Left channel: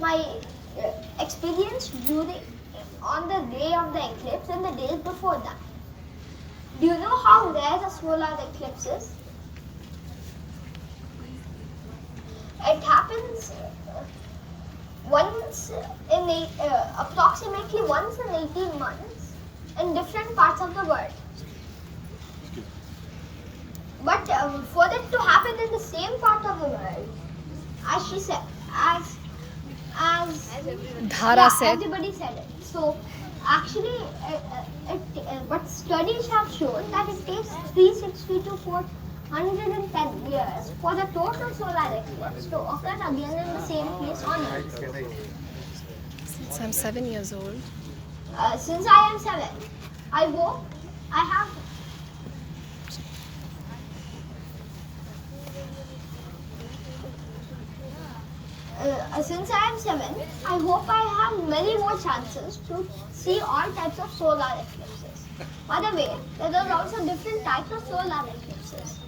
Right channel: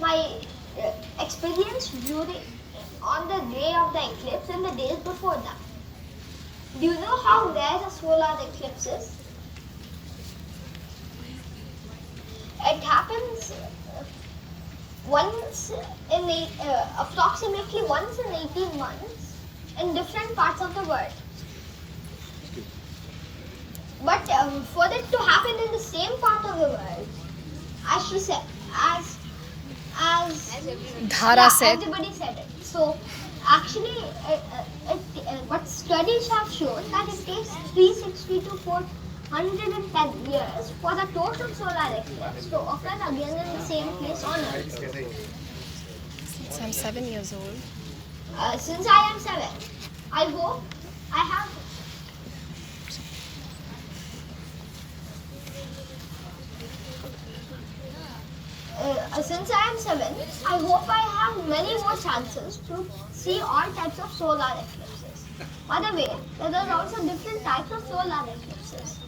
my experience on the day of the eclipse and the days before that. Do you know how rare a solar eclipse is? It happens approximately once in 18 months in different parts of the world. But for it to happen in the same part of the world, as she said, as Dhara said. everybody said it. So actually, but studies have shown that it takes 360 to 410 years for the total solar eclipse to occur again in the same place on Earth. Since I'm 7 years old. Since I am 7, I hope I have. Since I am 7, I hope I have many more chances to see all types of solar eclipses. By the way, there are also different types of solar eclipses.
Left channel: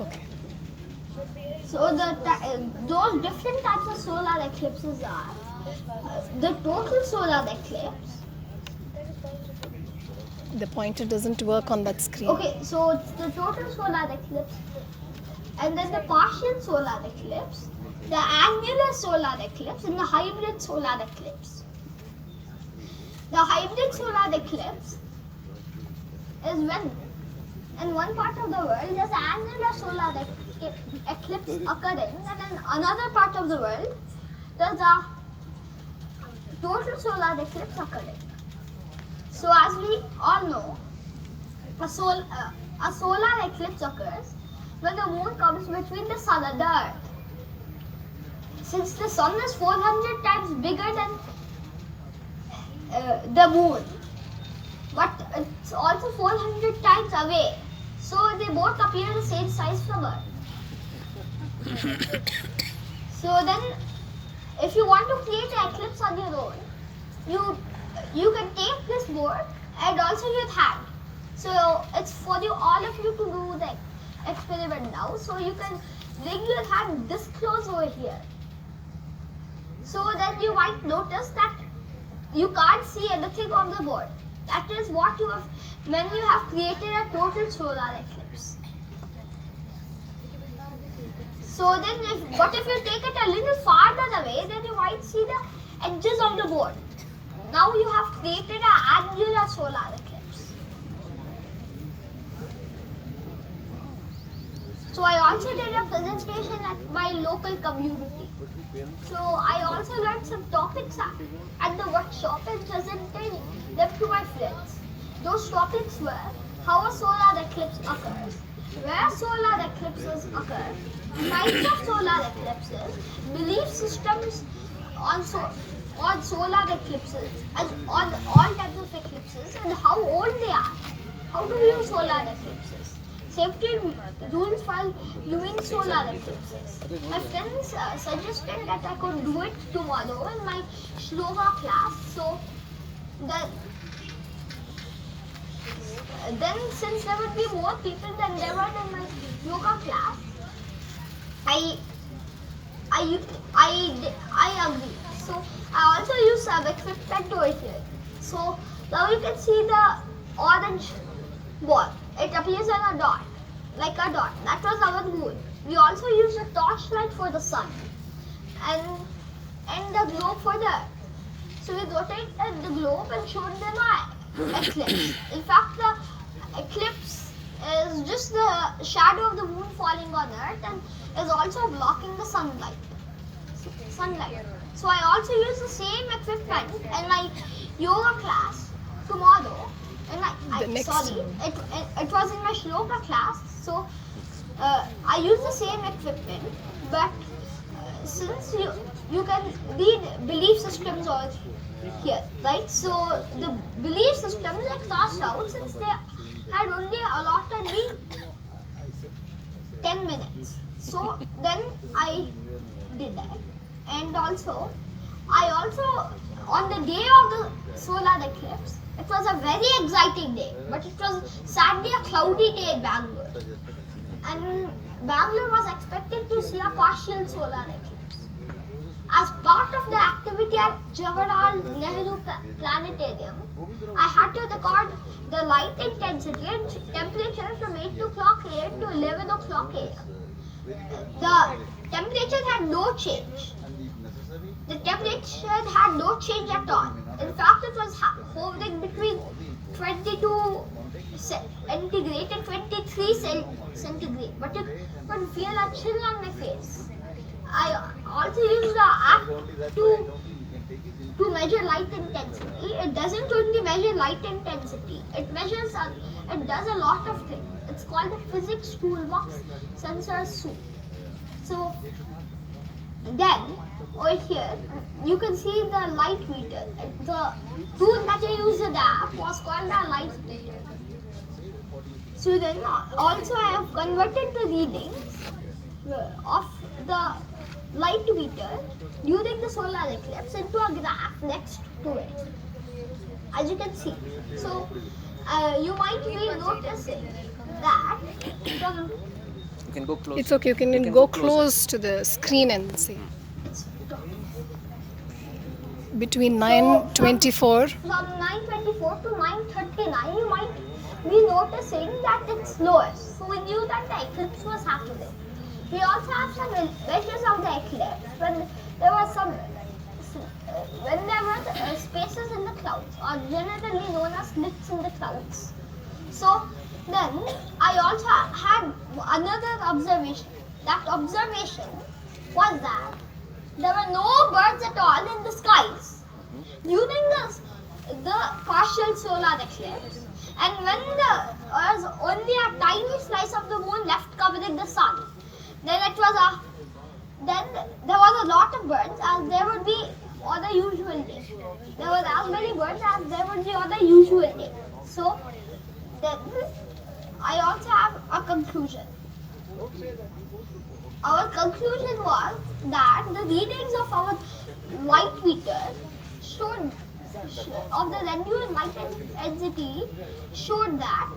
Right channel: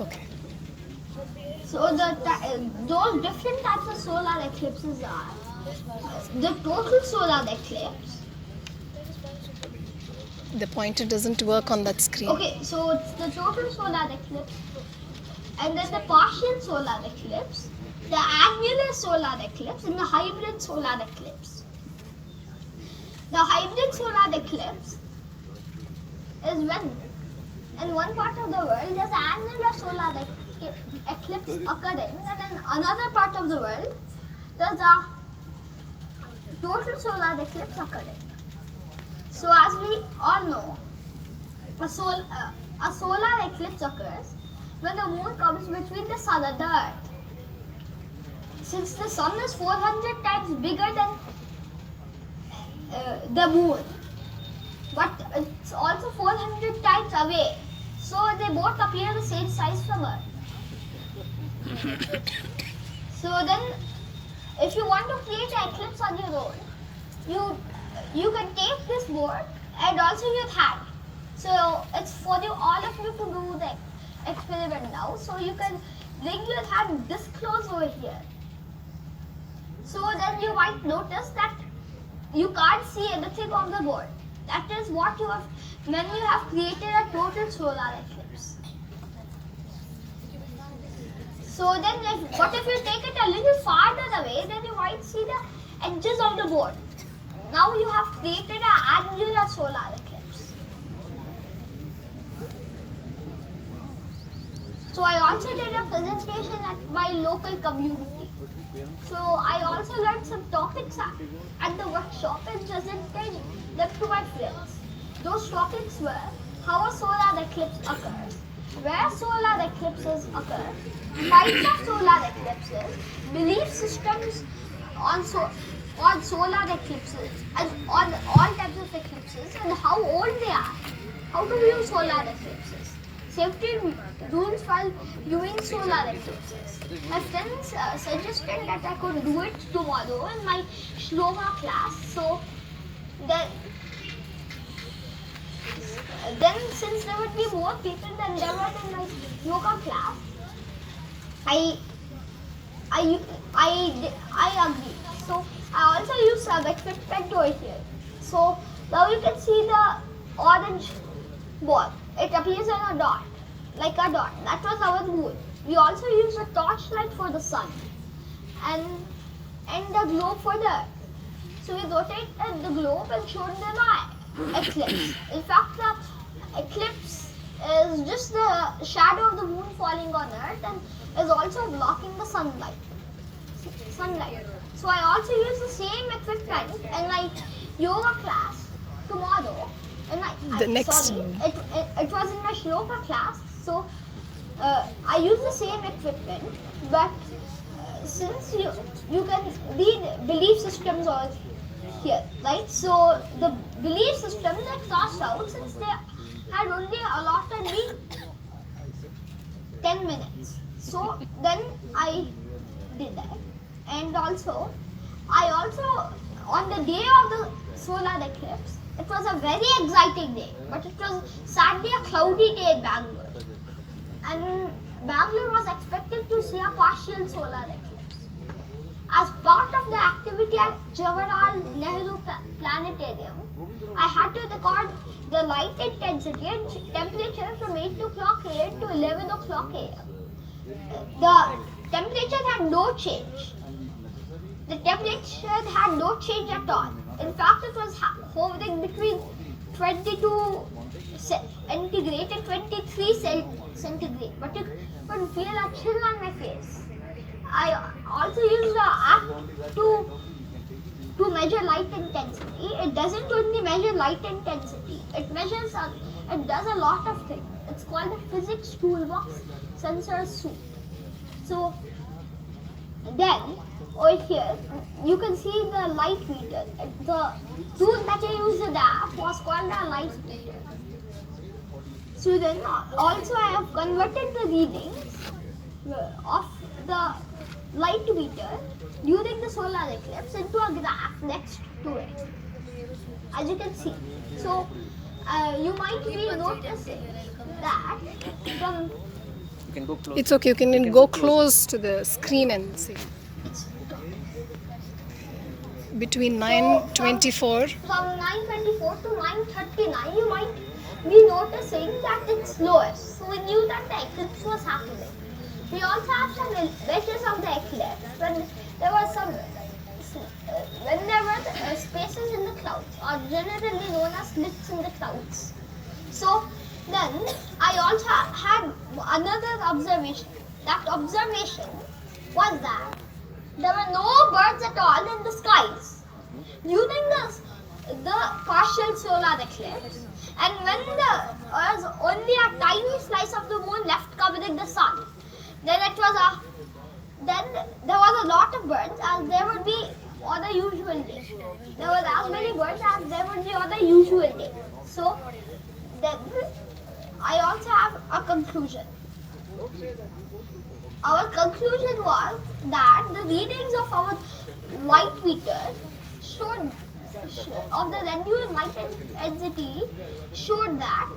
Okay. So those different types of solar eclipses are the total solar eclipse. The pointer doesn't work on that screen. Okay, so it's the total solar eclipse, and then the partial solar eclipse, the annular solar eclipse, and the hybrid solar eclipse. The hybrid solar eclipse is when in one part of the world there's annular solar eclipse occurring, and in another part of the world there's a total solar eclipse occurring. So as we all know, a solar eclipse occurs when the moon comes between the sun and the earth. Since the sun is 400 times bigger than the moon, but it's also 400 times away, so they both appear the same size from Earth. So then, if you want to create an eclipse on your own, you can take this board and also your hand. So it's for all of you to do the experiment now. So you can bring your hand this close over here. So then you might notice that you can't see anything on the board. That is what you have when you have created a total solar eclipse. So then, if you take it a little farther away, then you might see the edges of the board. Now you have created an annular solar eclipse. So I also did a presentation at my local community. So I also learned some topics at the workshop and presented them to my friends. Those topics were how a solar eclipse occurs, where solar eclipses occur, types of solar eclipses, belief systems on solar eclipses and on all types of eclipses, and how old they are, how to view solar eclipses, safety rules while viewing solar eclipses. My friends suggested that I could do it tomorrow in my Shloka class. So then since there would be more people than there were in my yoga class, I agree. So I also use some equipment over here. So now you can see the orange ball. It appears on a dot, like a dot. That was our moon. We also use a torchlight for the sun and the globe for the earth. So we rotated the globe and showed them an eclipse. In fact, the eclipse is just the shadow of the moon falling on earth and is also blocking the sunlight. So I also use the same equipment in my yoga class tomorrow. It was in my Shloka class. So I use the same equipment, but since you can read belief systems over here, right? So the belief systems are crossed out since they had only allotted me 10 minutes. So then I did that. And also, on the day of the solar eclipse, it was a very exciting day, but it was sadly a cloudy day in Bangalore. And Bangalore was expected to see a partial solar eclipse. As part of the activity at Jawaharlal Nehru Planetarium, I had to record the light intensity and temperature from 8 o'clock a.m. to 11 o'clock a.m. The temperature had no change. The temperature had no change at all. In fact, it was hovering between 22 centigrade and 23 centigrade, but you could feel a chill on my face. I also used the app to measure light intensity. It doesn't only measure light intensity. It does a lot of things. It's called the physics toolbox sensor suite. So then over here you can see the light meter. The tool that I used in the app was called a light meter. So then also I have converted the readings of the light meter during the solar eclipse into a graph next to it, as you can see. So you might be noticing that the You can go close. It's okay, you can go close to the screen and see. Between 9:24. From 9:24 to 9:39, you might be noticing that it's lowest. So we knew that the eclipse was happening. We also have some images of the eclipse when there was spaces in the clouds, or generally known as slits in the clouds. So then I also had another observation. That observation was that there were no birds at all in the skies during the partial solar eclipse, and when there was only a tiny slice of the moon left covering the sun, then there was a lot of birds, as there would be on the usual day. There were as many birds as there would be on the usual day. So then I also have a conclusion. Our conclusion was that the readings of our light meter of the nebulous light intensity showed that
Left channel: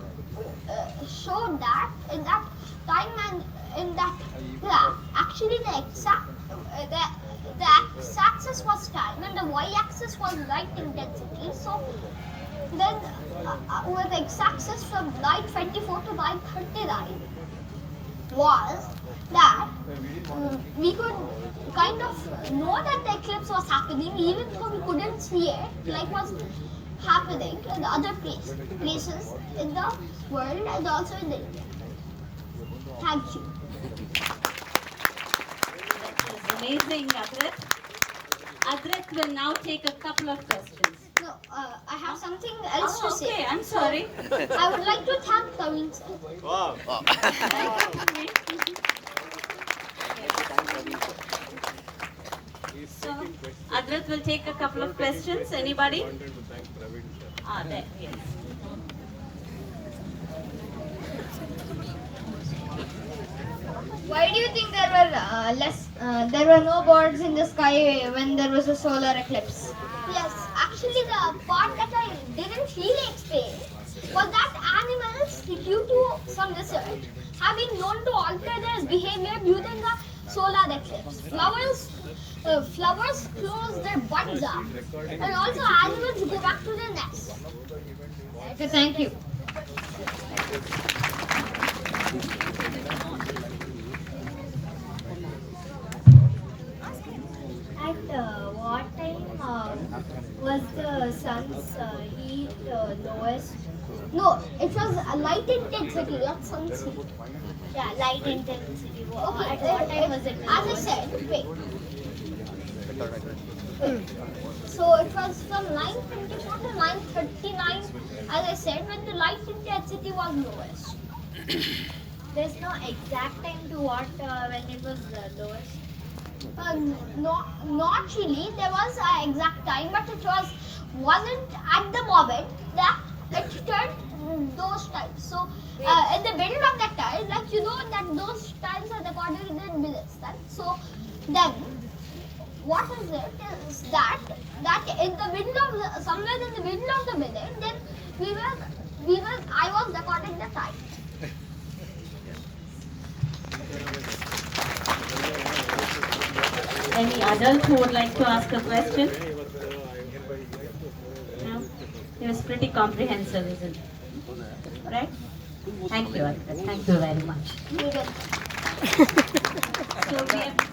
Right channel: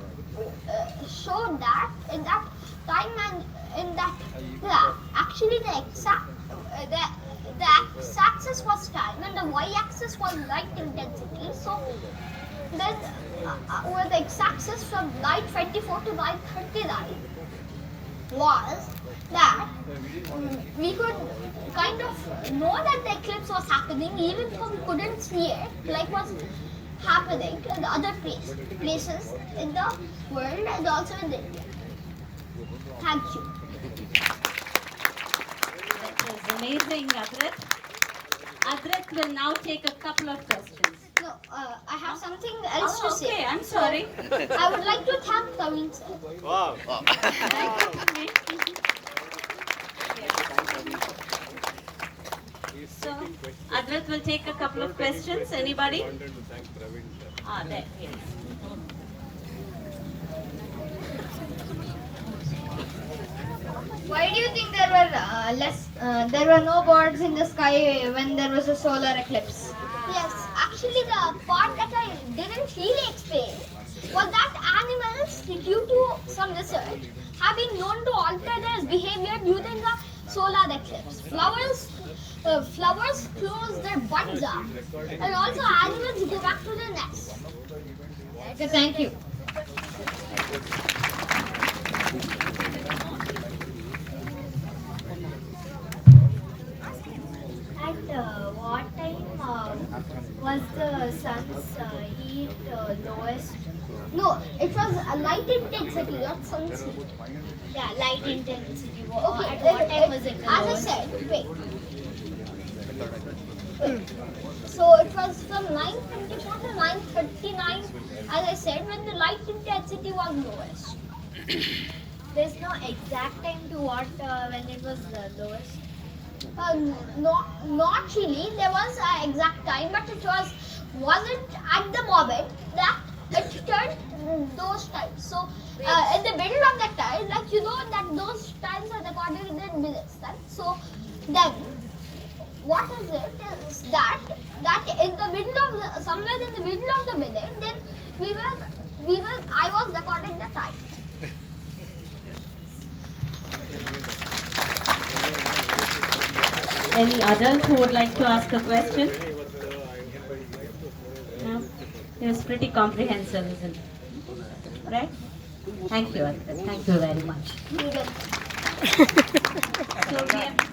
in that time and in that graph, actually the x-axis was time and the y-axis was light intensity. So then with the x-axis from 9:24 to 9:39 was that we could kind of know that the eclipse was happening even though we couldn't see it, like was happening in the other places in the world and also in India. Thank you. That is amazing, Adrit. Adrit will now take a couple of questions. No, I have something else to Oh, okay, say. I'm sorry. I would like to thank Kavin sir. Wow. So, Adrit will take a couple of questions. Anybody? There, yes. Why do you think there were no birds in the sky when there was a solar eclipse? Yes, actually the part that I didn't really explain was that animals, due to some research, have been known to alter their behavior during the solar eclipse. Flowers close their buds up, and also animals go back to their nests. Okay, thank you. At what time was the sun's heat lowest? No, it was a light intensity, not sun's heat. Yeah, light intensity. Okay, At what time was it the as I lowest? said, wait. So it was from 9:24 to 9:39, as I said, when the light intensity was lowest. There's no exact time to what when it was lowest. Not really. There was an exact time, but it wasn't at the moment that it turned those times. So in the middle of that time, like you know that those times are recorded in minutes. Right? So then what is it? Is that in the middle of somewhere in the middle of the minute, then I was recording the time. Any adults who would like to ask a question? No? It was pretty comprehensive, isn't it? Right? Thank you, Adrit. Thank you very much. You get So we have